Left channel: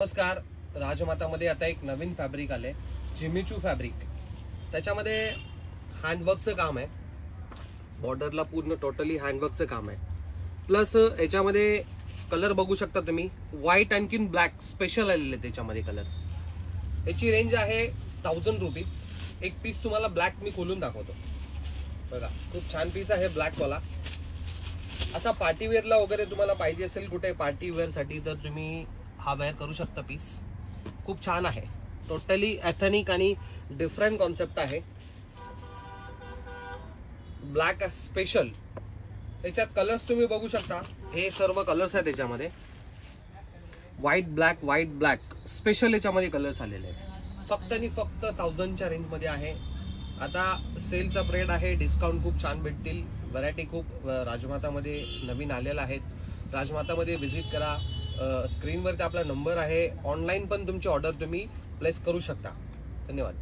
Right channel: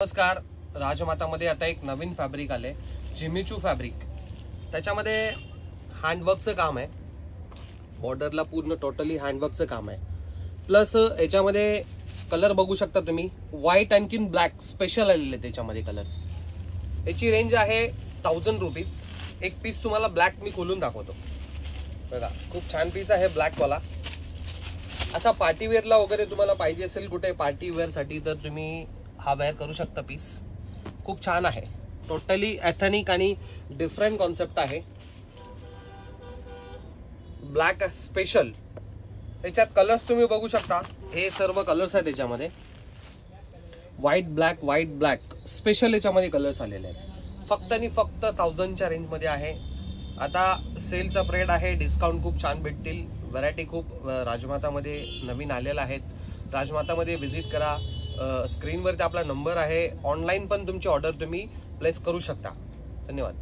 नमस्कार. राजमातामध्ये आता एक नवीन फॅब्रिक आले, जिमीचू फॅब्रिक. त्याच्यामध्ये हँडवर्कचं काम आहे, बॉर्डरला पूर्ण टोटली हँडवर्कचं काम आहे. प्लस याच्यामध्ये कलर बघू शकता तुम्ही, व्हाईट आणखीन ब्लॅक स्पेशल आलेले त्याच्यामध्ये कलर्स. याची रेंज आहे 1000 रुपीज. एक पीस तुम्हाला ब्लॅक मी खोलून दाखवतो बघा. खूप छान पीस आहे ब्लॅक वाला. असा पार्टीवेअरला वगैरे तुम्हाला पाहिजे असेल कुठे पार्टीवेअर साठी तर तुम्ही हा वेअर करू शकता. पीस खूप छान आहे, टोटली एथनिक आणि डिफरंट कॉन्सेप्ट आहे. Black special. याच्यात कलर्स तुम्ही बघू शकता, हे सर्व कलर्स आहेत त्याच्यामध्ये. व्हाईट ब्लॅक स्पेशल याच्यामध्ये कलर्स आलेले आहेत. फक्त आणि फक्त 1000च्या रेंज मध्ये आहे. आता सेलचा पिरियड आहे, डिस्काउंट खूप छान भेटतील. व्हरायटी खूप राजमातामध्ये नवीन आलेल्या आहेत. राजमातामध्ये व्हिजिट करा. स्क्रीनवरती आपला नंबर आहे. ऑनलाईन पण तुमची ऑर्डर तुम्ही प्लेस करू शकता. धन्यवाद.